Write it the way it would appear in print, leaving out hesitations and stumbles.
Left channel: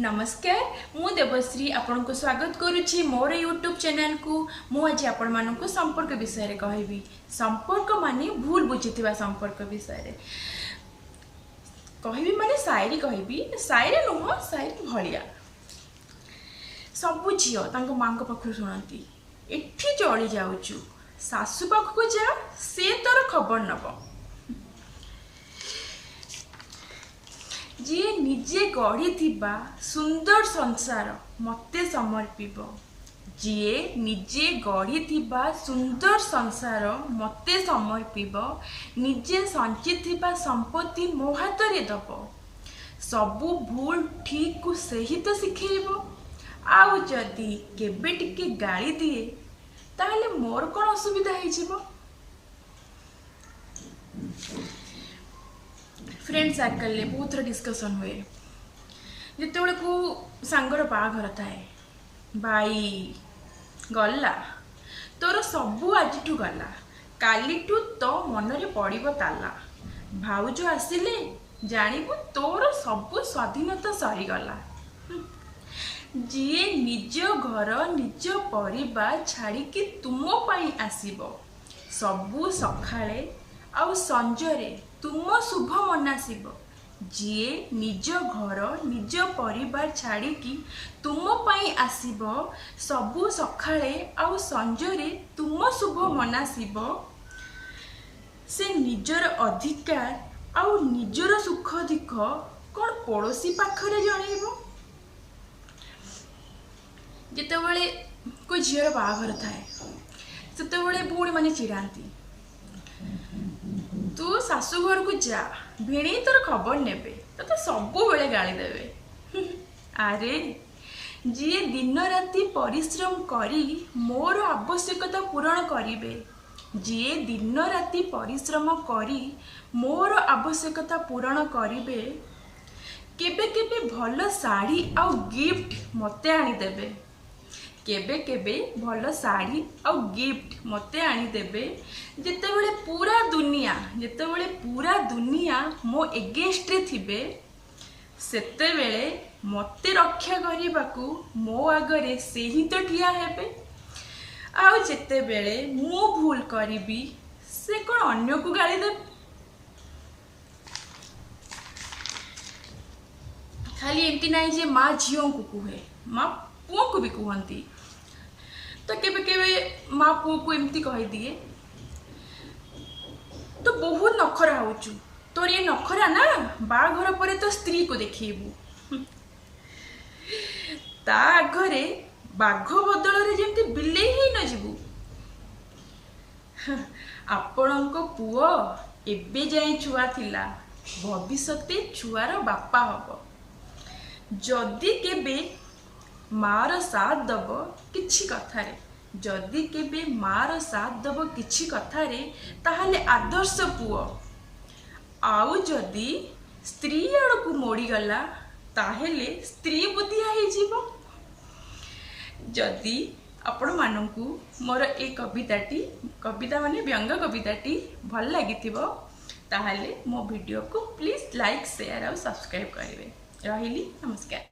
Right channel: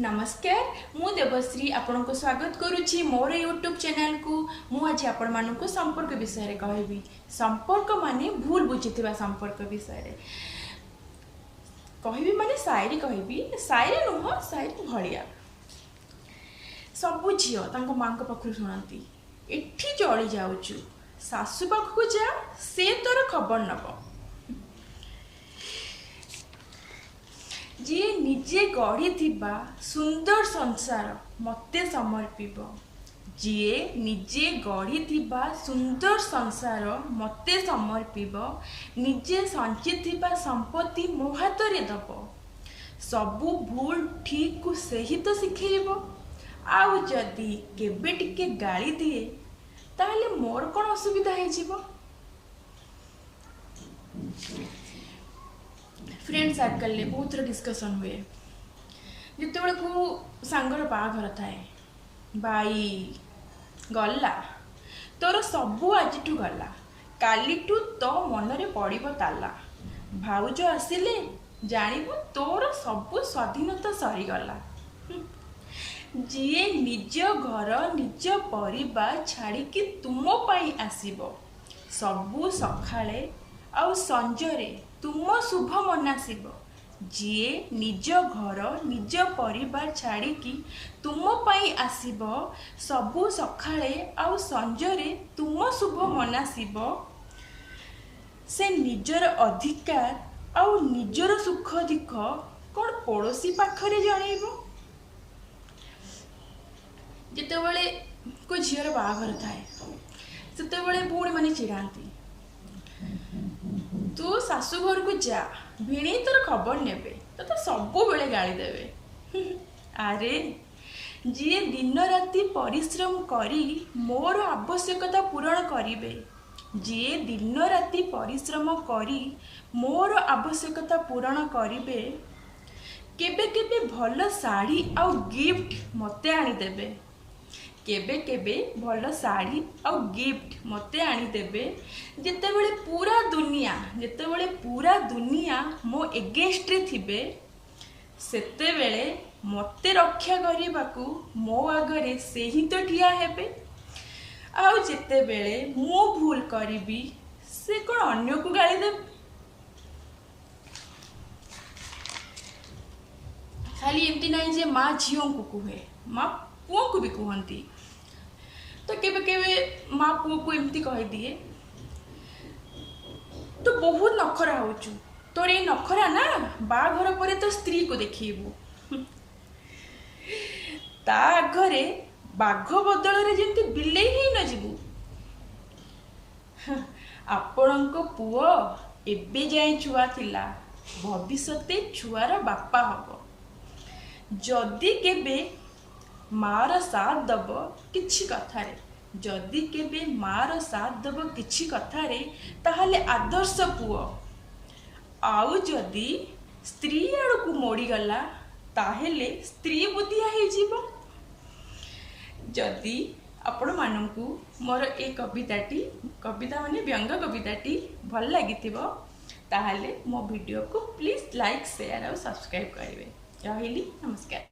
नमस्कार मु देवश्री आपण को स्वागत करुच्ची मोर यूट्यूब चैनल को। मु आज आपण मानक संपर्क विषय रे कहबी। संपर्क माने भूल बुझिथिबा संपर्क विषय रे कहबी माने शायरी कहबी। शायरी नुह शायरी भलिया सबु झियो तांको मां को पाखु सुनती एठी चली जाउचु सासु पाखु जा से तोर खबर नब। जी निजे गढ़ी थिबा सुंदर संसार मते समर्पिब। जी निजे गढ़ी थिबा सुंदर संसार मते समर्पिब। निजे संचित थिबा संपत्ति मो हाथ रे दब। सबु भूल ठीक को सही तो शिखेइबो। आउ जदि केबे टिके गाली दिए ताहले मोर कोन असुविधा हे जिवो। फ्रेंड सर्कल में बहुत डिस्कसन हुए जिते बड़े को सांगर बाघर थाए भाई गला तोर सबू आज गला काली तो मन रे पड़िबो ताला। भाउज आसिले जानिबु तोर सबू स्वाधीनता सरीगला। जी निज घर निज परिवार छाड़ी कि तुम पाई आसीबो सबू सखाळे आउ संजरे तुम शुभ मनासीब। जी निज घर निज परिवार छाड़ी कि तुम पाई आसीब सबू सखाळे आउ संजरे तुम शुभ मनासीब। से निजर अधिकार आउ निजर सुख दुख कौन पड़ोसी पाखरे जनइबो। जितेबले कोई झीर बाघर थाए सेतेबले भौणी माने चिड़ाती तू सासू घर को जा भिणी तोर खबर नेबे तो सबु बेले गाली देवे। अरे जी दिन राति परिश्रम करी मोर आवश्यकता पूरण करिवे। जी दिन राति परिश्रम करी मोर आवश्यकता पूरण करिवे। केबे केबे भल साड़ी आउ गिफ्ट मते आनी देबे। केबे केबे भल साड़ी आउ गिफ्ट मते आनी देबे। जेतेबेले पूरा दुनिया मो एगेंस्ट रे थिबे सेतेबेले मते रक्षा करिबाकू मो आगरे से ही तो ठिया हेबे। आउ जेतेबेले मो भूल करिबी से कोन अन्य को गाली देबे। खाली एमती नहीं जे माँ झीओं को कुहे माँ पुओं को भी कहती। तो केबे केबे माँ पुओ को एमती कह दिए तो बहुत नखरा होचु तोर ये नखरा ना बाघर परे तो स्त्री को देखिबू। ता आगरे बाघ बदल रे जेमती बिलेई ही न जीवू। आपणको पुओ एबे जाई छुआ थिला भविष्यते छुआर बापा हब। जदि केबे मार साथ दब किछि कथारे जदि केबे मार साथ दब किछि कथारे ताहले आदर्श पुओ। आउ जदि स्त्री आड़ को मोड़ी गला ताहले स्त्री बुद्धिया ही जीवो। जदि आपण मानकू मोर ए कविता माने व्यंग कविताटी भल लागिथिबो ताहले मो वीडियो को प्लीज लाइक शेयर और सब्सक्राइब करिवे। रहिली नमस्कार।